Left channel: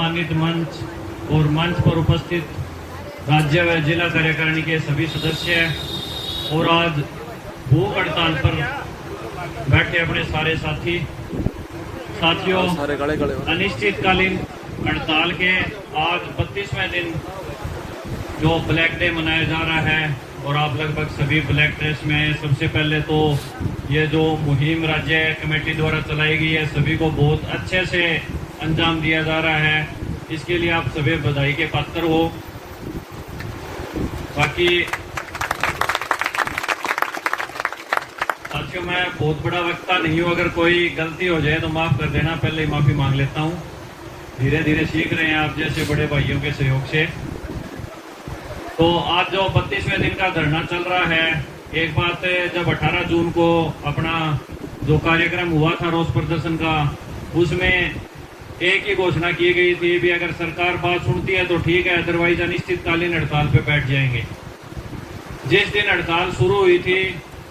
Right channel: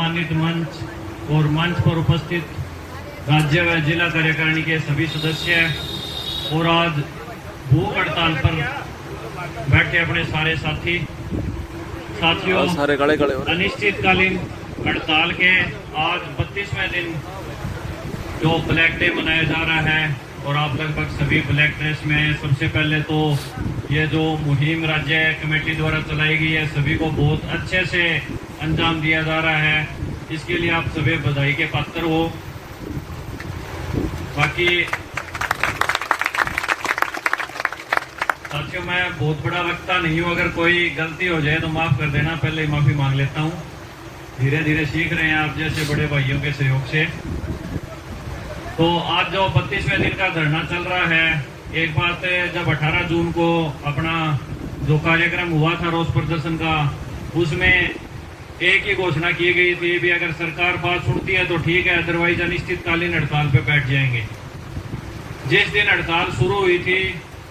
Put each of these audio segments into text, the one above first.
सम्मानित मंच और मंच पर उपस्थित राज्य व जिला कार्यकारिणी के सभी सदस्य और आज भूख हड़ताल पर बैठे अपने सारे साथियों, अनिश्चितकालीन हड़ताल के आज 32वें दिन जो ब्लैक डे मनाया जा रहा है और आप लगभग सभी ब्लैक ड्रेस में। सबसे पहले तो ये जो मुहिम राज्य कमेटी द्वारा चलाई गई है सभी को बहुत अच्छे से अंजाम दिया जा रहा है, इसके लिए आप सभी बधाई के पात्र हो। बाकी साथियों, मैं बहुत बड़ा वक्ता नहीं हूँ, अगर कोई गलती हो जाए तो माफ कर देना, पहले ही माफी मांग लेता हूँ। धीरे धीरे सीख रहे हैं आप जैसे बड़े भाइयों के सहयोग से। तो आज जो 32वें दिन का धरना चल रहा है, एक बात जब 18 जून को अपना जो कार्यक्रम हुआ था रोष प्रदर्शन का, उसमें एक ही घोषणा की गई थी भी अगर सरकार बात सुनती है तो ठीक है, अदरवाइज अनिश्चितकालीन हड़ताल पे बैठ जाएंगे। जिस दिन हड़ताल शुरू हुई थी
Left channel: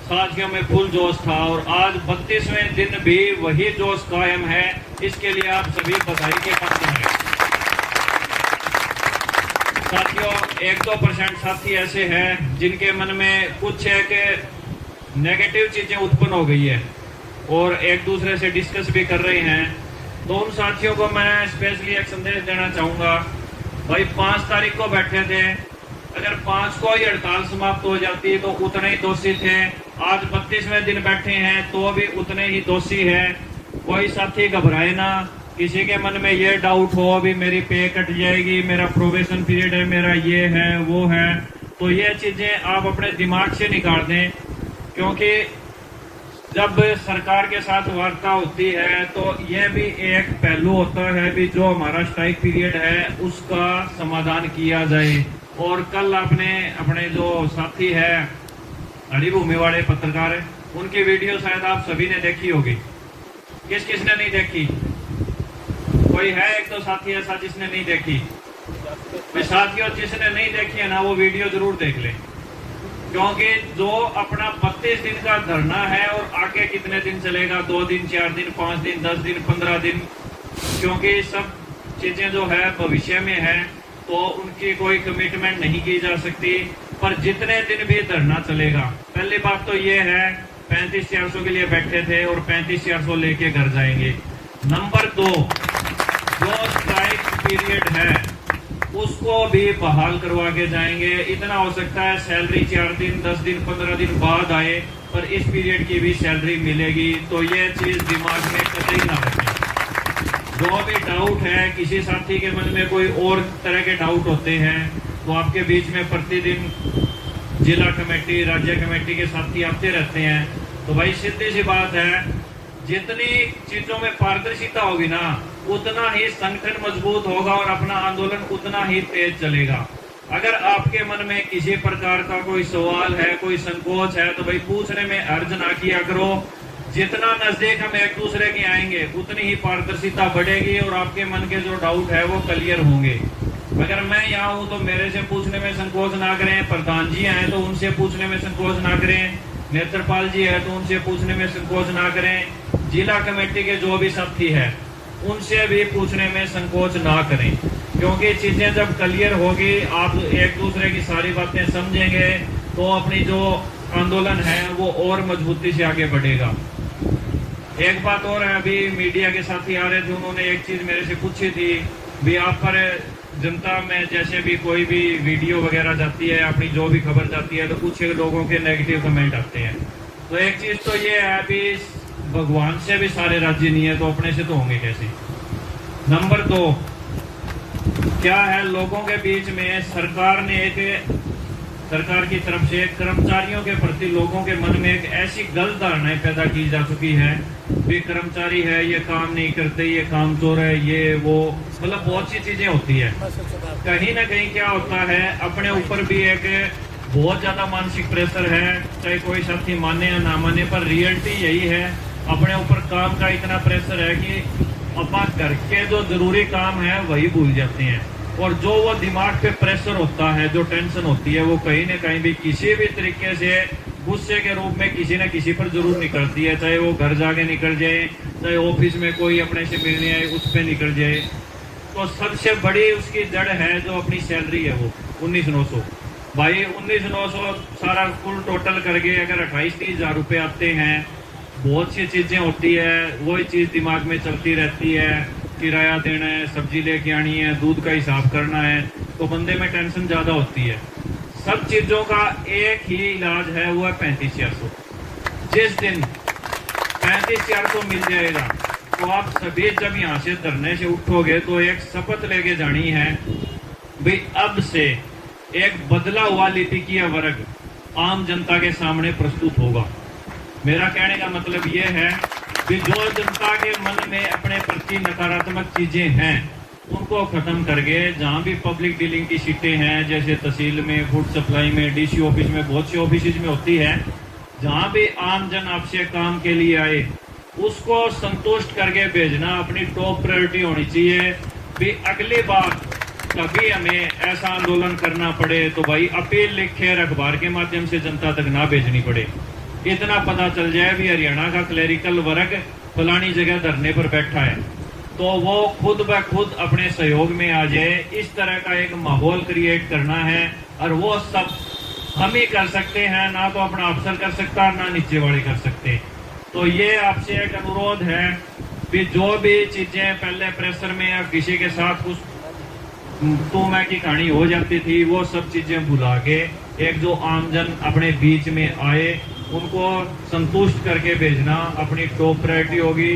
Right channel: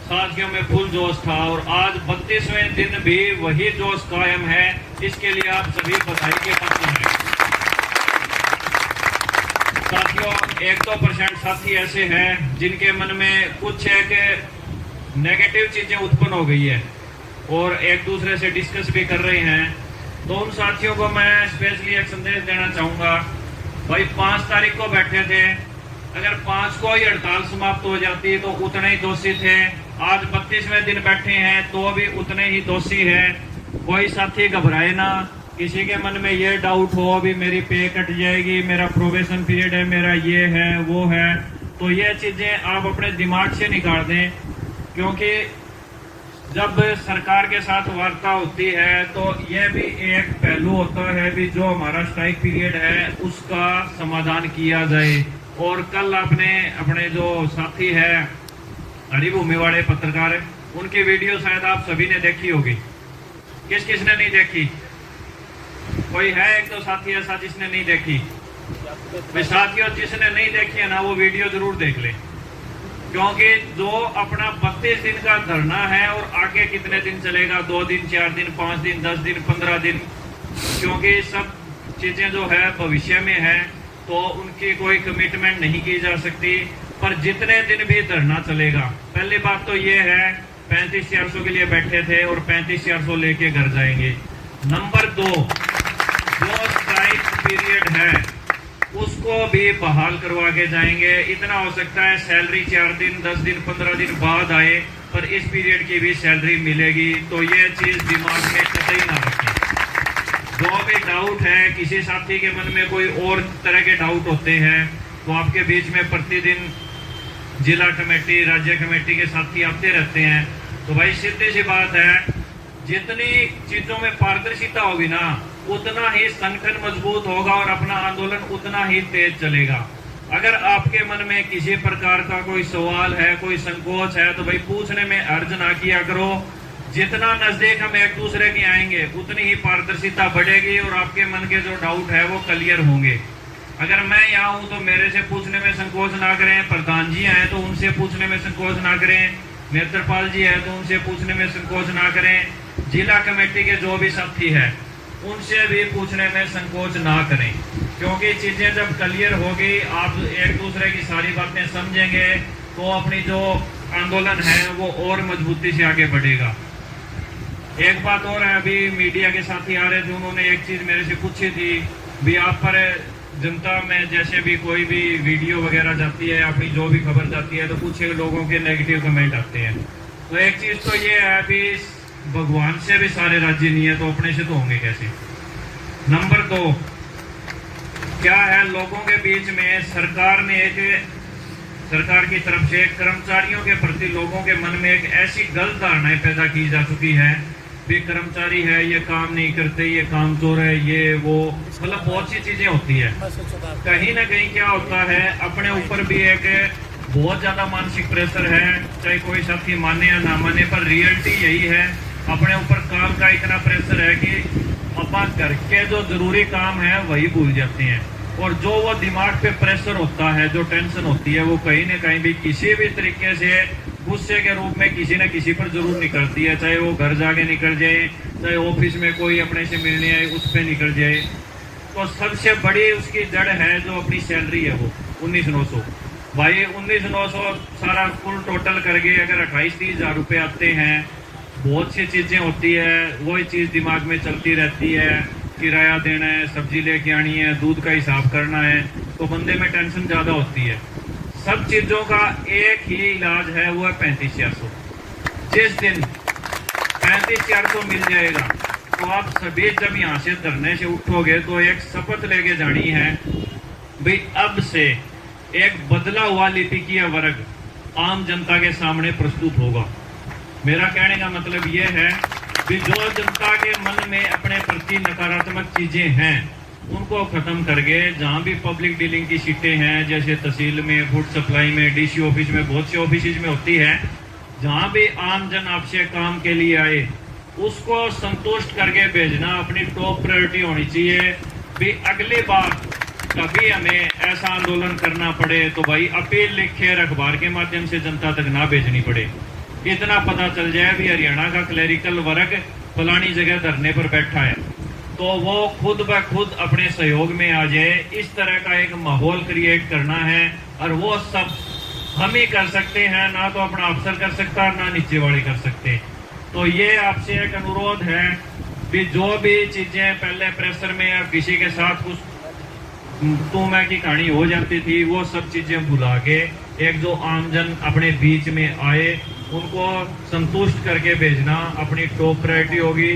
साथियों में फुल जोश था और आज 32वें दिन भी वही जोश कायम है, इसके लिए आप सभी बधाई के पात्र हैं। साथियों, 1-2% साथी ऐसे हैं जिनके मन में कुछ है कि नेगेटिव चीजें उत्पन्न हो गई है और एक दूसरे से डिस्कस भी कर रहे हैं, तो उन साथियों को मैं स्पेशली एक संदेश देना चाहूंगा। भाई 5 तारीख को बैठे थे, अगर 5 को ही हड़ताल समाप्त हो जाती तो उतने ही दोषी थे। आज 32वें दिन बैठे हैं तो भी उतने ही दोषी है। कोई साथी घबराए ना, किसी के मन में ये डाउट हो अभी मेरी पे कट जाएगी, मेरा प्रोबेशन पीरियड है, मेरा ये है वो है, तो ये चीजें आप अपने दिमाग से निकाल दें, क्योंकि जब सरकार के साथ वार्ता होती है तो यह भी एक पहलू होता है भी जो हमारा स्ट्राइक पीरियड है उसका समाधान किया जाए। और कल आपने अपने जो साथी है हरिभूमि वाले पत्रकार, उनकी वीडियो शायद आप सभी ने देखी होगी। किसने नहीं देखी? कोई है एक तो साथी ऐसा जिसने नहीं देखी? साथियों, जिसने नहीं देखी है ना वो वीडियो जरूर देख ले, क्योंकि जो अपना 32 दिन का धरना है और आगे कितने दिन चलेगा, 2 दिन, 4 दिन, 5 दिन, 10 दिन, 15 दिन, क्योंकि सब चीजें जो है भविष्य में है तो उनकी कोई कमिटमेंट नहीं की जा सकती। पर जितने दिन भी धरना चलेगा, पहली बात तो ये है 35-400 के लिए बैठे थे और 35-400 लेके घर जाएंगे। नंबर 2, जो स्ट्राइक पीरियड है उसको भी बहाल करवा के जाएंगे। इतना हो सकता है सैलरी 4 दिन, 10 दिन, 15 दिन बाद आए, पर इस पीरियड की भी सैलरी मिलेगी। तो ये चीज दिमाग में कतई ना रखें। जो भी डाउट है, किसी साथी के मन में कोई और तरह के डाउट होते हैं तो आपके बीच में प्रतिदिन जिला कमेटी, राज्य कमेटी के साथी आते रहते हैं। तो भाई सीधी सी बात है, जितनी चीजों में पारदर्शिता होगी ना उतना ही संगठन मजबूत होगा और अपना आंदोलन उतना ही तेज चलेगा। अगर आपके मन में किसी प्रकार का कोई सवाल है, कोई संकोच है, तो भाई पूछने में अर्ज ना किया करो। जितना नजदीक हम एक दूसरे के आएंगे उतनी ही पारदर्शिता बढ़ेगी और आपके मन के जो डाउट है वो क्लियर होंगे। अगर मैं यहाँ हूँ तो मेरे से पूछने में संकोच ना करें, प्रधान जी आए तो उनसे पूछने में संकोच ना करें, नेत्रपाल जी है तो उनसे पूछने में संकोच ना करें, जिला कमेटी के जो भी साथी है उनसे भी पूछने में संकोच ना करें, क्योंकि चीजें जब क्लियर होगी, आप एक दूसरे की सारी बातें समझेंगे तो अपनी जो आंदोलन है वो और मजबूती से आगे बढ़ेगा। एक बात और है, अभी मीडिया के साथी आ रहे थे, उन्होंने एक चीज मेरे से पूछी थी भी आप पर जनता में जैसे भी कोई भी वीडियो वगैरह जाती है, अपनी जो भी खबर जाती है तो कुछ लोगों के नेगेटिव कमेंट आते हैं। तो एक चीज तो ये है भी भगवान से भी सारे राजी नहीं है तो अपने से तो होंगे कैसे। नंबर 2, क्या है, लोगों के बीच में सरकार की तरफ से कर्मचारियों के प्रति लोगों के मन में एक ऐसी गलत धारणाएं पैदा की जा चुकी है भी कर्मचारी है ये काम नहीं करते, ये काम चोर है, ये वो, मतलब बहुत सी चीजें होती है। कहीं ना कहीं क्या होता है, अपने ऊपर भी एक बहुत ज्यादा मानसिक प्रेशर है, चाहे कोई साथी माने या ना माने, पर रियलिटी यही है, अपने ऊपर काम का इतना प्रेशर है कि अपना घर के जो जरूरी काम है वही भूल जाते हैं। और जो वो दिमाग पे प्रेशर होता है, जो टेंशन होती है, वो कहीं न कहीं भी किसी भी तरीके से गुस्से के रूप में किसी न किसी पर जरूर निकलती है, चाहे वो घर जाके निकल जाए, चाहे ऑफिस में कोई अपने से मिलने आए उस पर निकल जाए। तो सबसे बड़ी उसकी जड़ है जो अपनी सैलरी है वो 19,900। भाई 19,900 सारा फुल टोटल करके अगर 28-30 हजार रुपये आते हैं, बहुत सी चीजें होती है, वही चीज दिमाग में चलती रहती है, किराया देना है, सब्जी लेके आनी है, दूध का हिसाब करना है, तो बंदे में टेंशन ज्यादा होती है। सब चीजों का एक ही इलाज है, वो है 35,400। जिस दिन 35,400 मिल जाएगा तो आप सभी जब यहाँ से धरने से उठोगे तो एक शपथ लेके जानी है, भाई अब से एक बदला हुआ लिपिकीय वर्ग आम जनता के सामने प्रस्तुत होगा। मेरा कहने का मतलब ये है कि जो जनता के मन में अपने प्रति नकारात्मक चीजें हैं उनको खत्म करके, जहां भी पब्लिक डीलिंग की सीटें हैं, जैसे तहसील में, फूड सप्लाई में, डीसी ऑफिस में, बहुत से ऑफिस में होती है, जहां भी आम जन आपसे काम के लिए आए उसको संतुष्ट करके भेजना अपनी टॉप प्रायोरिटी होनी चाहिए। भी अगली बार कभी हमें ऐसा आंदोलन करना पड़े तो भाई अपील लिखे अखबार के माध्यम से जनता तक ना भेजनी पड़े, इतना पता चल जाए भी हरियाणा का क्लरिकल वर्ग फलानी जगह धरने पर बैठा है, तो वो खुद ब खुद अपने सहयोग में आ जाए। इस तरह का एक माहौल क्रिएट करना है और वो सब हम ही कर सकते हैं, ना तो अपना अफसर कर सकता, ना नीचे वाले कर सकते। तो ये आपसे एक अनुरोध है कि जो भी चीजें पहले प्रेशर में या किसी के साथ कुछ तू मैं की कहानी हो जाती थी, वो सब चीजें भुला के एक जो आमजन अपने बीच में आए उनको संतुष्ट करके भेजना अपनी टॉप प्रायोरिटी होगी।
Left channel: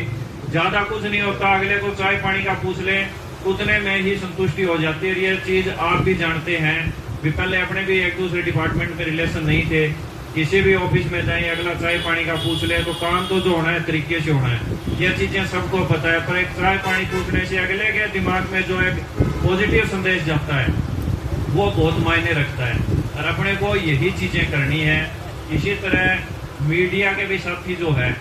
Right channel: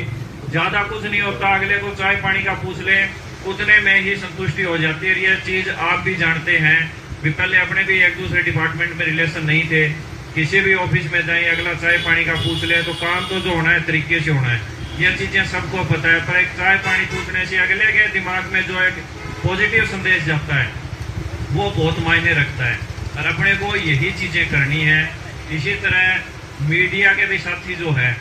ज्यादा कुछ नहीं होता, अगले को चाय पानी का पूछ ले उतने में ही संतुष्टि हो जाती है। ये चीज आप भी जानते हैं भी, पहले अपने भी एक दूसरे डिपार्टमेंट में रिलेशन नहीं थे, किसी भी ऑफिस में जाए अगला चाय पानी का पूछ ले तो काम तो जो होना है तरीके से होना है, ये चीजें सबको पता है। पर एक चाय पानी पूछने से अगले के दिमाग में जो एक पॉजिटिव संदेश जाता है वो बहुत मायने रखता है और अपने को यही चीजें करनी है। इसी तरह मीडिया के भी साथी जो है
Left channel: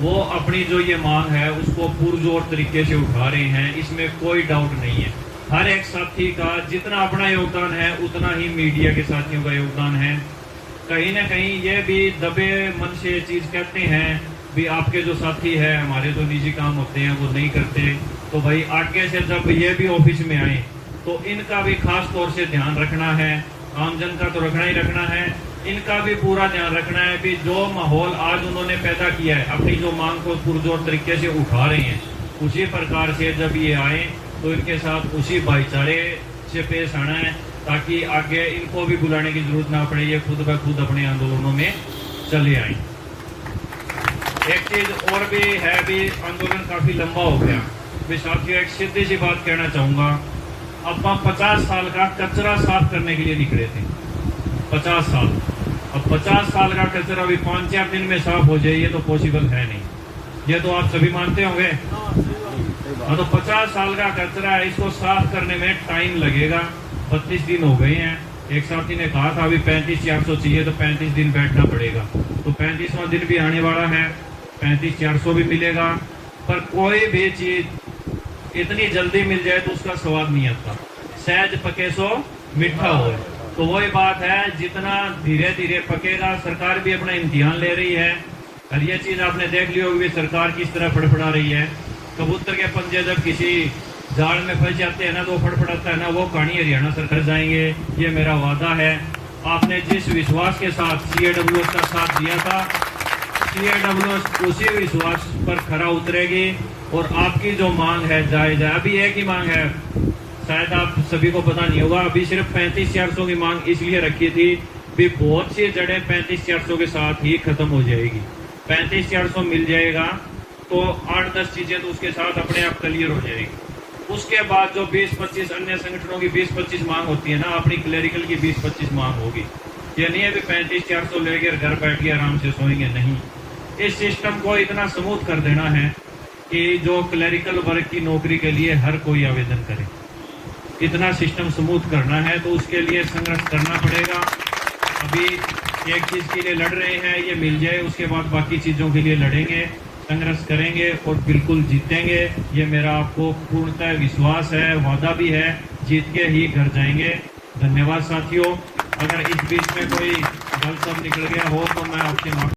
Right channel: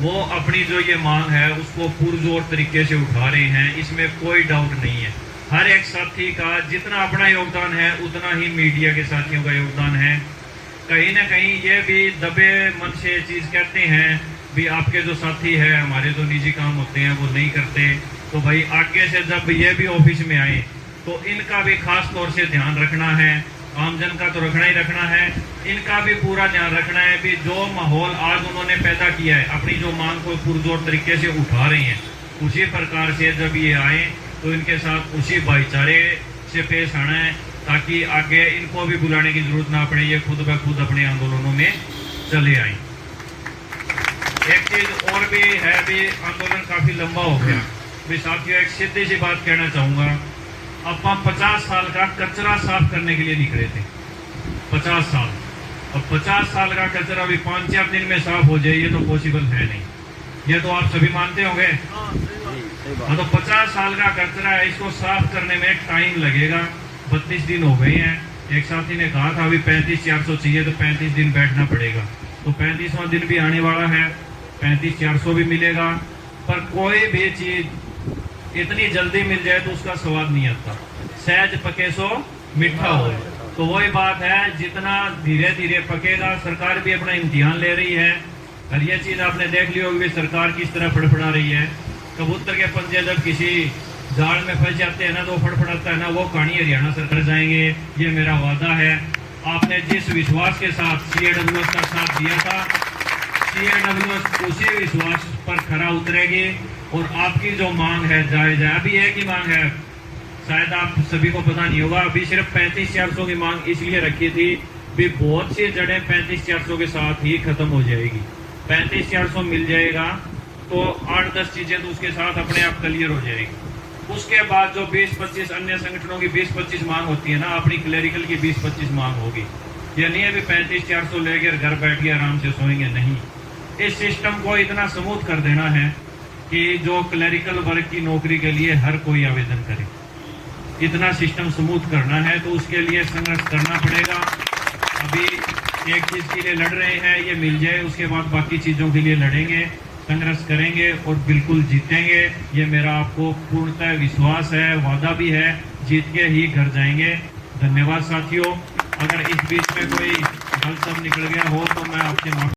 वो अपनी जो ये मांग है उसको पुरजोर तरीके से उठा रहे हैं, इसमें कोई डाउट नहीं है। हर एक साथी का जितना अपना योगदान है उतना ही मीडिया के साथियों का योगदान है। कहीं ना कहीं ये भी दबे मन से ये चीज कहते हैं भी आपके जो साथी है हमारे जो निजी काम होते हैं वो नहीं करते, तो भाई आगे से जब ये भी ऑफिस में आए तो इनका भी खास तौर से ध्यान रखना है। आमजन का तो रखना ही रखना है, इनका भी पूरा ध्यान रखना है कि जो माहौल आज उन्होंने पैदा किया है, अपनी जो मांग को पुरजोर तरीके से उठा रहे हैं, उसी प्रकार से जब ये आए तो इनके साथ उसी भाईचारे से पेश आना है, ताकि आगे इनको भी बुलाने की जरूरत ना पड़े, ये खुद ब खुद अपने आंदोलनों में चले आए। एक चीज और भी है, भी आंदोलन काफी लंबा हो गया, भी साथियों एक सीधी सी बात कहना चाहूंगा, अब 50 साल का कचरा साफ करने के लिए निकले थे, 50 साल। अब 50 साल का कचरा अभी 5-4 दिन में साफ हो जाए ये तो पॉसिबल है नहीं, ये तो आप सभी मानते होंगे। हाँ, तो 50 साल का कचरा है, इसको साफ करने में टाइम लगेगा। 32 दिन हो गए हैं। एक साथी ने कहा था अभी 35,400 चाहिए, तो 35 दिन बैठना पड़ेगा, तो 35वां दिन भी आने वाला है, 35,400 भी मिलेगा। पर कोई भी चीज इतनी जल्दी मिल जाए तो उसका स्वाद नहीं आता, सहज पके सो मीठा हो। तो वही बात है, जितना धीरे धीरे पकेगा, सरकार भी अपना इम्तिहान ले रही है। और ये चीज आपने देख ली होगी सरकार किस तरह फड़फड़ा रही है। कबूतर के पंजे जब किसी जाल में फंस जाते हैं ना तो फड़फड़ाता है ना, वो कहानी हरियाणा सरकार जाएंगे, ये मेरा वादा है। आपने जिस विश्वास के साथ CAWS का साथ दिया था, CAWS उसी विश्वास पर खरा उतरेगी और आपकी जो मांग है जायज है। अभी एक ही मांग है, शायद आप सभी को पता नहीं होगा, अभी सिर्फ 35,400 की मांग इसलिए रखी थी भी बहुत सी जड़ें 35,400 के साथ ही खत्म हो जाएगी। 35,400 मिल जाएगा तो 8-10 चीजें तो उसके साथ अपने आप क्लियर हो जाएगी। उसके बाद जो 20-25 अन्य संगठनों की 20-25 मांग होती है ना, अपनी क्लरिकल की 20-25 मांग होगी। ये नहीं है भी 35,400 लेकर घर बैठ के आराम से सोएंगे, नहीं। इस सिस्टम को इतना स्मूथ कर देना है कि जो क्लरिकल वर्ग की नौकरी के लिए हर कोई आवेदन करे, इतना सिस्टम स्मूथ करना है, तो उसके लिए संघर्ष करना पड़ेगा। अभी एक चीज के लिए लड़ रहे हैं, ये मिल जाए, उसके बाद बाकी चीजों के लिए लड़ेंगे, संघर्ष करेंगे और बिल्कुल जीतेंगे। ये मेरा आपको पूर्णतः विश्वास है, वादा भी है, जीत के ही घर जाएंगे। धन्यवाद साथियों। अगर इस बीच में कोई गलत शब्द निकल गया हो तो मैं आपके